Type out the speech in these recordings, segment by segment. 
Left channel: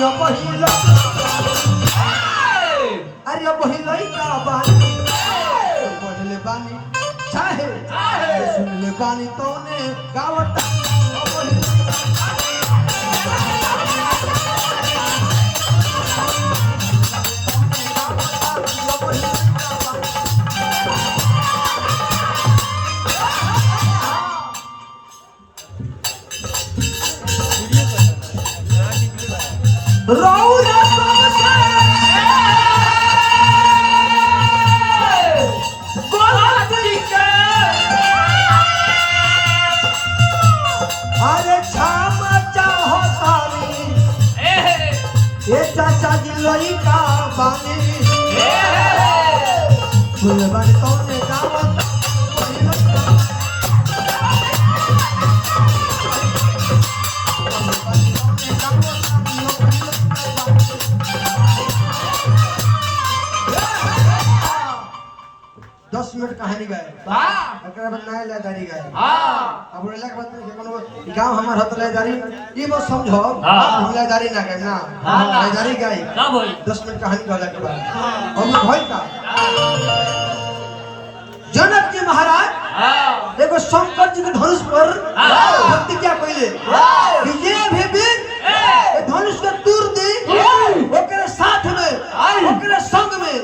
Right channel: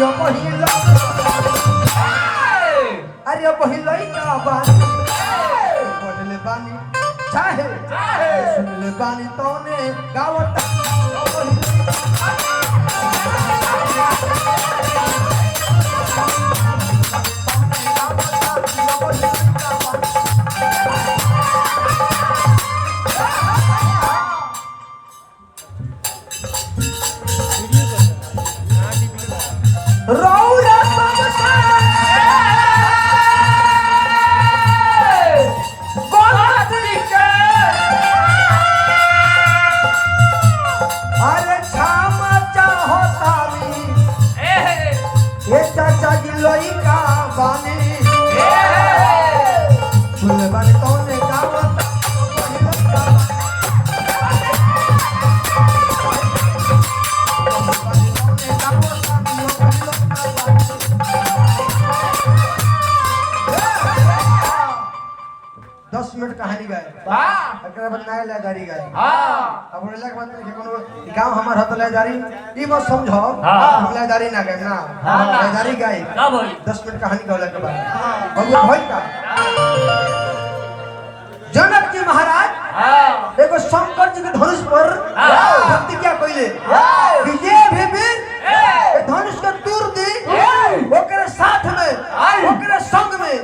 यो पहिला अरे यो पहिला का बानी बोलले बानी चाहे सुनले बानी तोने गावत यो पहिला कहानी गाए नया गाड़ी गाए अब बोले बात नहीं कोनो गांव हमार हत ले जारी ई मत समझो हम ले जारी ना गाए ना ले जारी गाए का भाई 10 मिनट कहानी गाला के बाद हम भाई का जनक जी महाराज देखो शंकर जी के धनुष पर भक्ति क्या कइले कि ये भी वीर धनुष के दूर दी ओकरे साथ में ओकरे संग में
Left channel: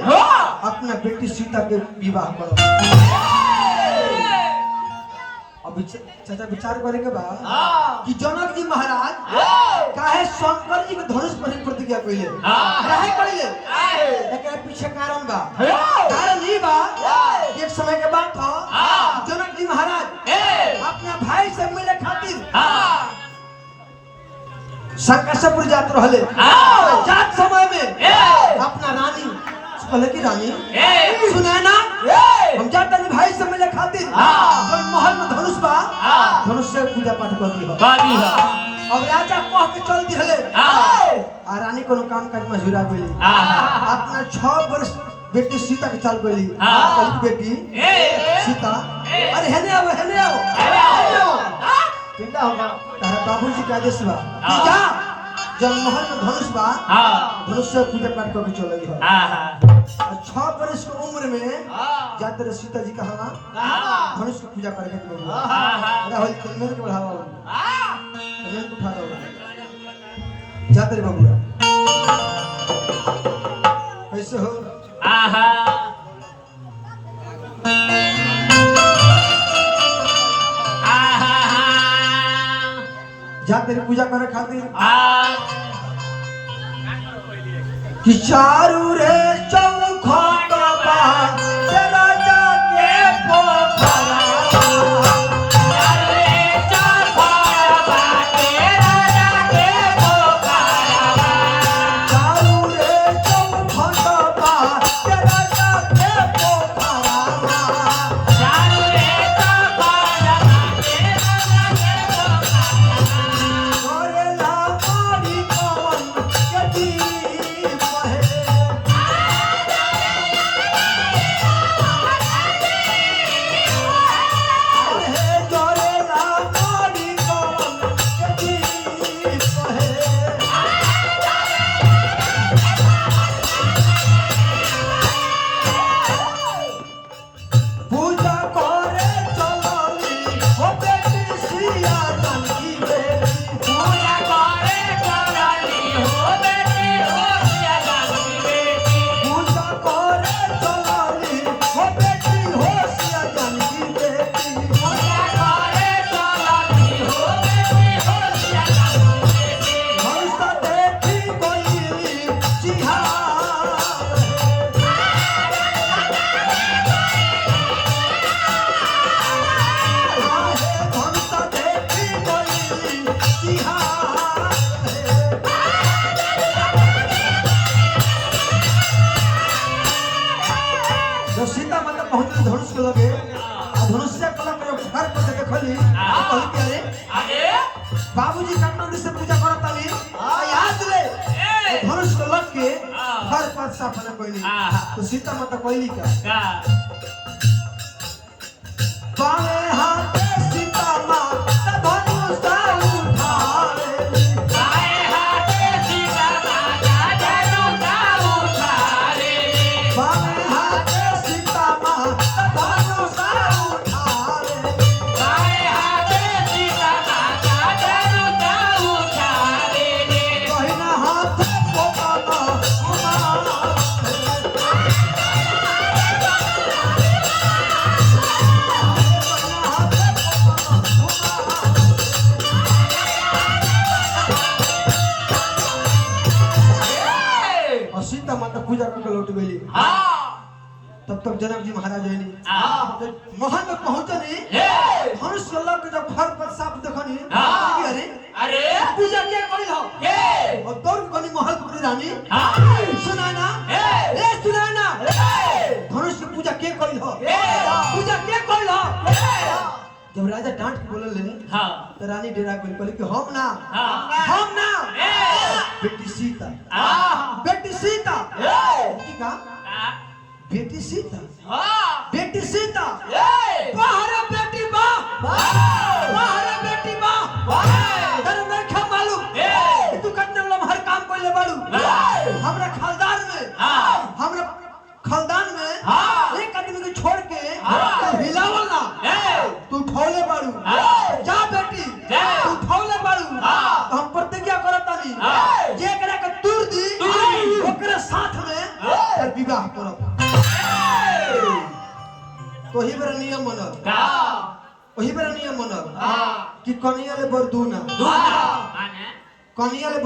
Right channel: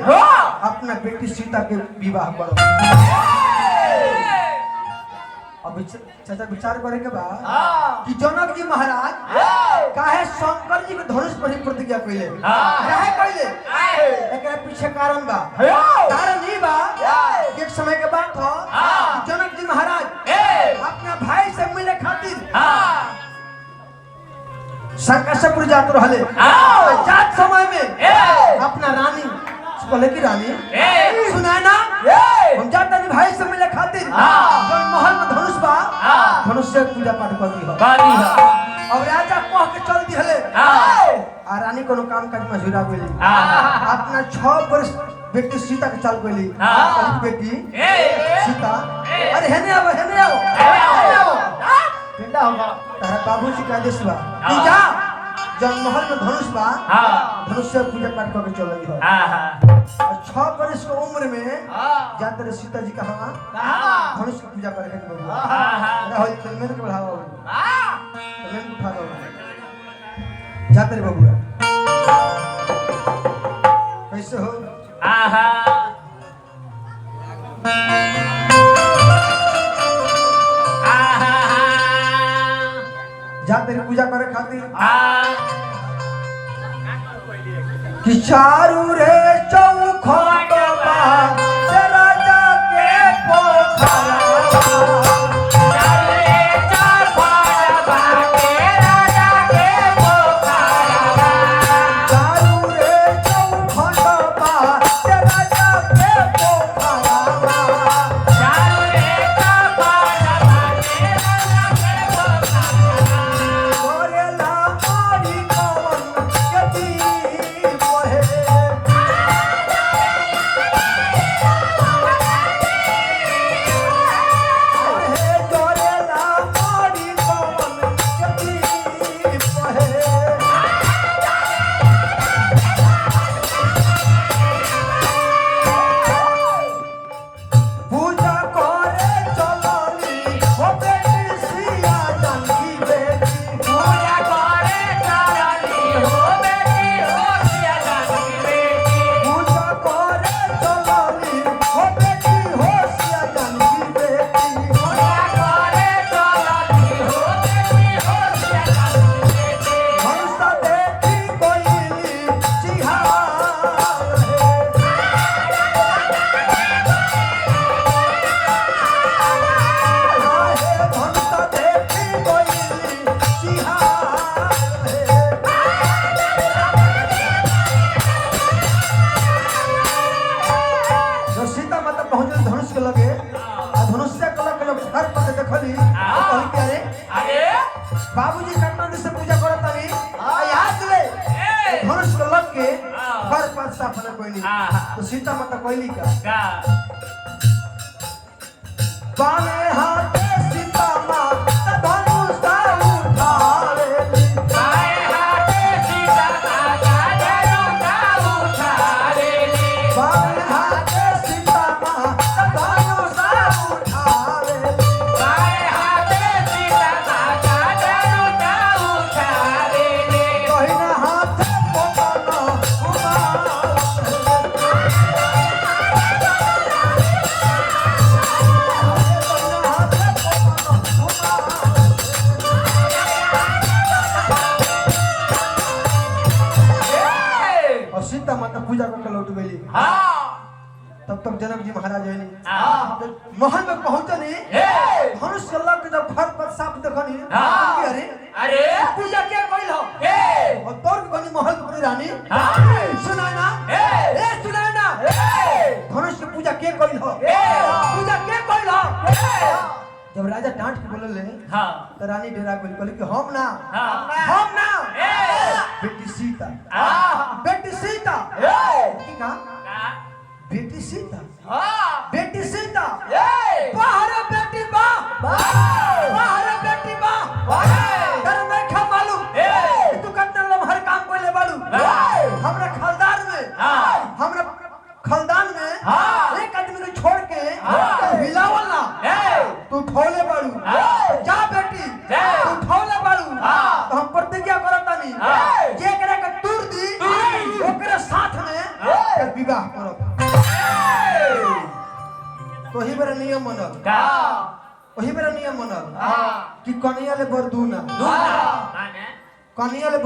अपना बेटी सीता के विवाह करो। अब चाचा विचार करे के बाद कि जनक जी महाराज काहे शंकर जी के धनुष पर प्रतिज्ञा कइले काहे कइले एकरा पीछे कारण बा कारण ई बा एक समय के बात हो जनक जी महाराज अपना भाई से मिले खातिर संकटपुर जात रहले जात समय में अपना रानी कहले की रानी सुना ना हम जाते हैं भाई से मिले खातिर जो महल में धनुष बा धनुष से पूजा पाठ कर दी और राजा कह के चल दिहले आ रानी कोनो काम काज में जुड़ा गइली अपना 6 वर्ष बेटी सीता के चल गइली बेटी सीता अरे हेने आओ केंदा होगा तारा बाबूजी का आदेश बा तू जा जब महल में धनुष बा धनुष से पूजा पाठ करके चलली हो 6 वर्ष की उम्र में जाते सीता जी कहां धनुष की पूजा करके चलली अरे होई कलमेर के बढ़ावा कलमेर उठा दो जाते रे बाबू कैसे हो जाते पूजा करे खातिर कि चारू रे चौखट बा तेरा जाके पोखरा चारू रे चौखट बा तेरा जाके पोखरा चारू रे चौखट बा तेरा जाके पोखरा चारू रे चौखट बा तेरा जाके बाबूजी काटना से पूजा करत तानी याद ले धनुष को लग के हर पांच साफ न कोइली तो सीता माता कोइली का बाणे हाथ सीता माता धनुष उठावे बाणे हाथ सीता तो पूजा करके लौट गई। तब तक जनक जी महाराज है नहीं महल में पहुंचे नहीं धनुष अल्लाह के जब घर पर साफ देखनी अरे अरे पूजा क्या कोई हो और दौड़ बनी महल पर रानी सुना ना सुना ना धनुष की पूजा क्या कोई हो पूजा क्या कोई हो। जब राजा डांट के बोले ले तो रानी डेरा को बोले कि हम ना बेटी सीता की कहा बेटी सीता बाहर बेटी बा तर मैं क्या मालूम तू करने वाला हर काम कोई ले बाड़ू हमरा खानदान में एक आदमी को छोड़ के हिलावल ना तू ठोले बाड़ू जा बेटी तू ठोले बाड़ू तो हम प्रतिज्ञा करता नहीं जे करे के तूर दी ओकरे साथ में विवाह करब। तो ही मेरा नियम मनल वही मेरा नियम मनल कि कनिया ले बर दूना कनिया ले